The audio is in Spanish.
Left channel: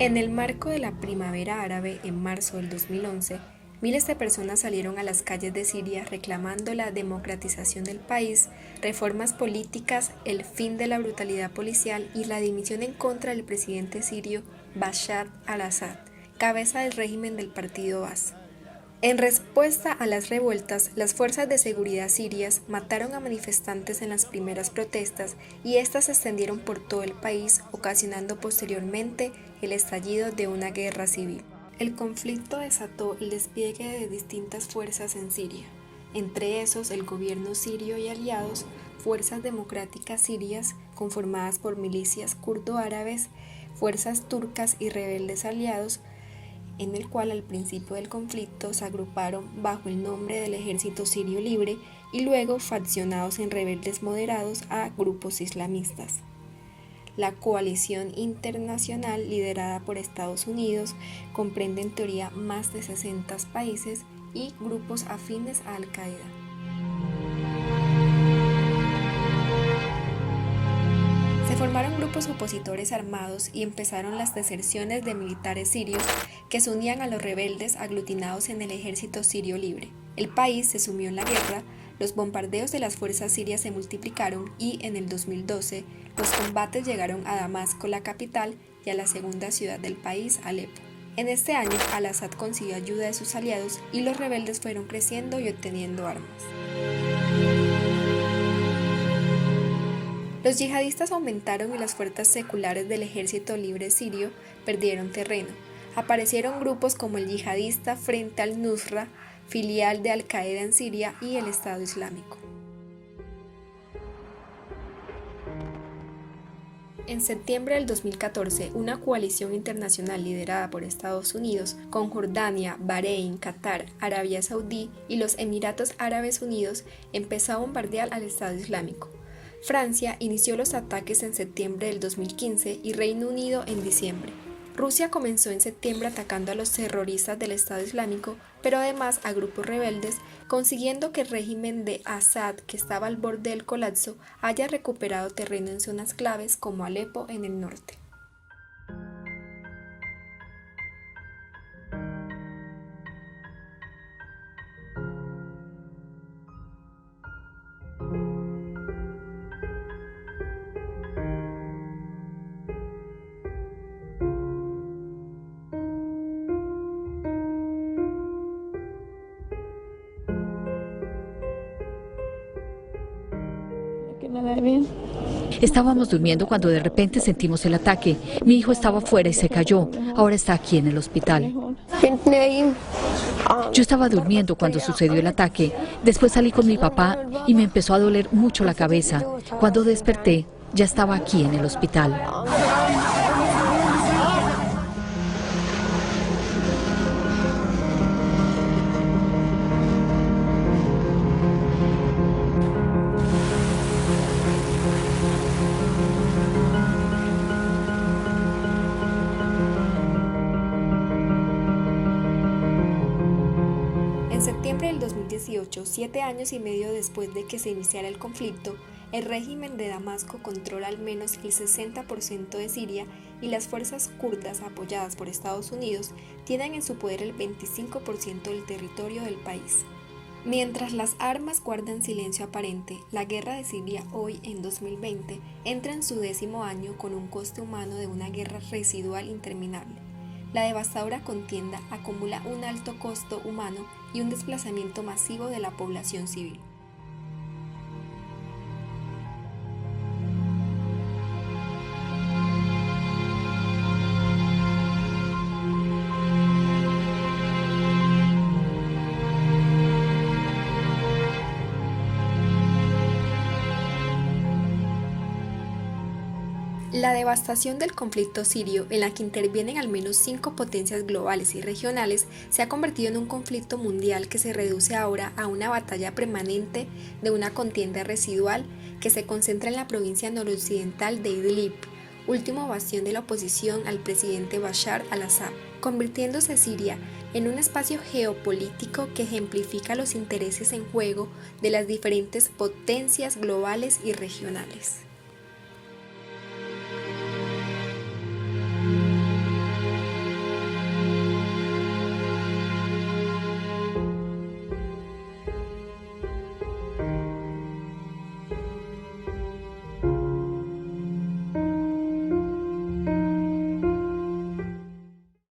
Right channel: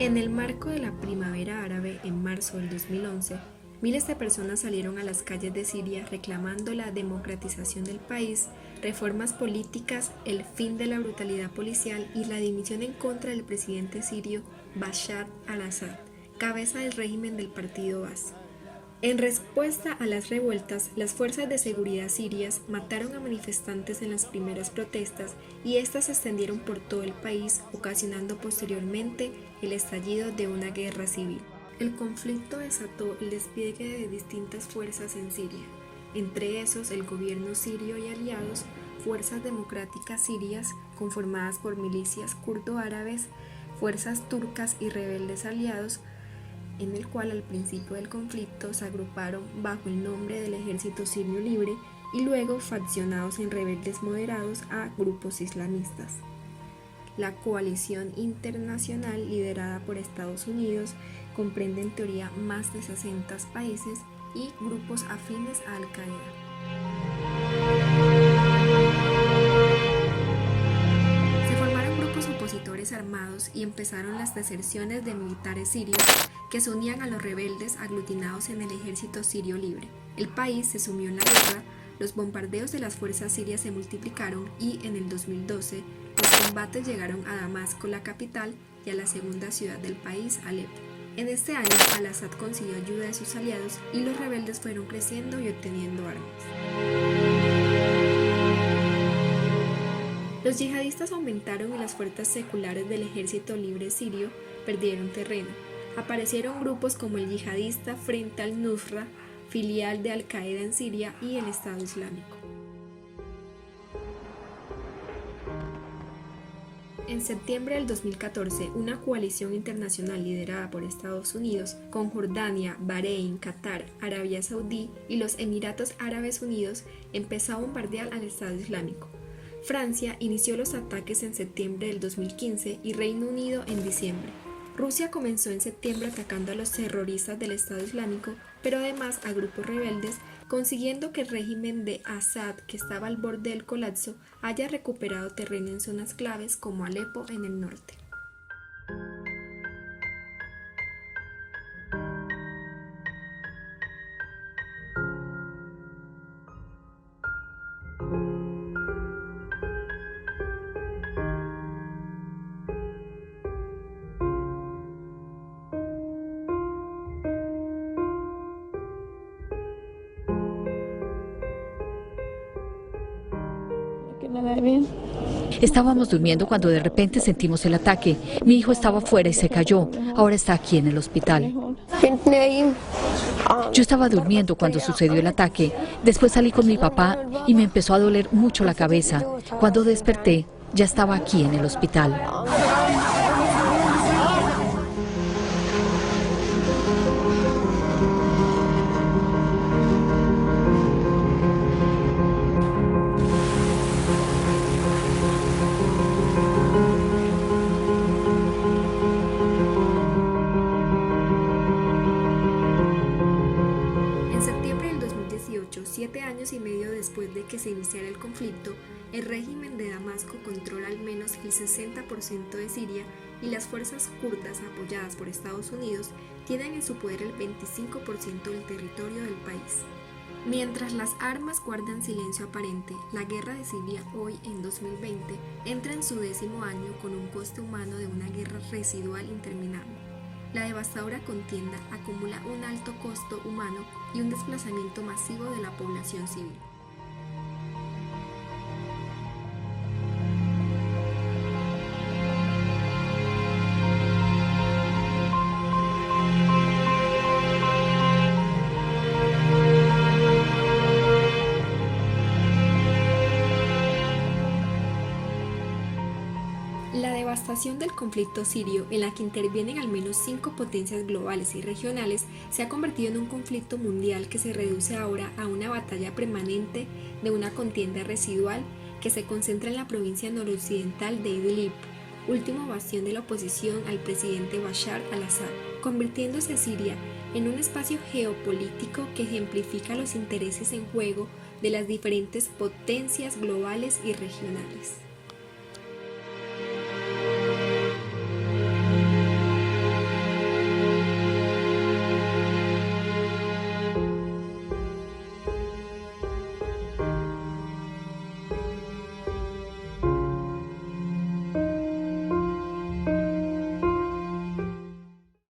En el marco de la Primavera Árabe en marzo del 2011, miles de personas salieron a las calles de Siria reclamando la democratización del país, reformas políticas, el fin de la brutalidad policial y la dimisión en contra del presidente sirio Bashar al-Assad, cabeza del régimen del partido Baas. En respuesta a las revueltas, las fuerzas de seguridad sirias mataron a manifestantes en las primeras protestas y estas se extendieron por todo el país, ocasionando posteriormente el estallido de una guerra civil. El conflicto desató el despliegue de distintas fuerzas en Siria, entre esos el gobierno sirio y aliados, fuerzas democráticas sirias conformadas por milicias kurdo-árabes, fuerzas turcas y rebeldes aliados, en el cual al principio del conflicto se agruparon bajo el nombre del Ejército Sirio Libre y luego faccionados en rebeldes moderados a grupos islamistas. La coalición internacional liderada por Estados Unidos comprende en teoría más de 60 países y grupos afines a Al-Qaeda. Formaron grupos opositores armados y empezaron las deserciones de militares sirios que se unían a los rebeldes aglutinados en el Ejército Sirio Libre. El país se sumió en la guerra, los bombardeos de las fuerzas sirias se multiplicaron y en el 2012 los combates llegaron a Damasco, la capital, y a la segunda ciudad del país, Alepo. En este año, al-Assad consiguió ayuda de sus aliados y los rebeldes fueron creciendo y obteniendo armas. Los yihadistas aumentaron y las fuerzas seculares del Ejército Libre Sirio perdieron terreno. Aparecieron grupos como el yihadista Frente al-Nusra, filial de Al-Qaeda en Siria, y el Estado Islámico. En septiembre del 2014, una coalición internacional liderada por Estados Unidos, con Jordania, Bahrein, Qatar, Arabia Saudí y los Emiratos Árabes Unidos, empezó a bombardear al Estado Islámico. Francia inició los ataques en septiembre del 2015 y Reino Unido en diciembre. Rusia comenzó en septiembre atacando a los terroristas del Estado Islámico, pero además a grupos rebeldes, consiguiendo que el régimen de Assad, que estaba al borde del colapso, haya recuperado terreno en zonas claves como Alepo en el norte. Estábamos durmiendo cuando de repente sentimos el ataque. Mi hijo estaba afuera y se cayó. Ahora está aquí en el hospital. Yo estaba durmiendo cuando sucedió el ataque. Después salí con mi papá y me empezó a doler mucho la cabeza. Cuando desperté, ya estaba aquí en el hospital. En septiembre del 2018, 7 años y medio después de que se iniciara el conflicto, el régimen de Damasco controla al menos el 60% de Siria y las fuerzas kurdas apoyadas por Estados Unidos tienen en su poder el 25% del territorio del país. Mientras las armas guardan silencio aparente, la guerra de Siria hoy, en 2020, entra en su 10º año con un coste humano de una guerra residual interminable. La devastadora contienda acumula un alto costo humano y un desplazamiento masivo de la población civil. La La devastación del conflicto sirio, en la que intervienen al menos 5 potencias globales y regionales, se ha convertido en un conflicto mundial que se reduce ahora a una batalla permanente de una contienda residual que se concentra en la provincia noroccidental de Idlib, último bastión de la oposición al presidente Bashar al-Assad, convirtiéndose Siria en un espacio geopolítico que ejemplifica los intereses en juego de las diferentes potencias globales y regionales.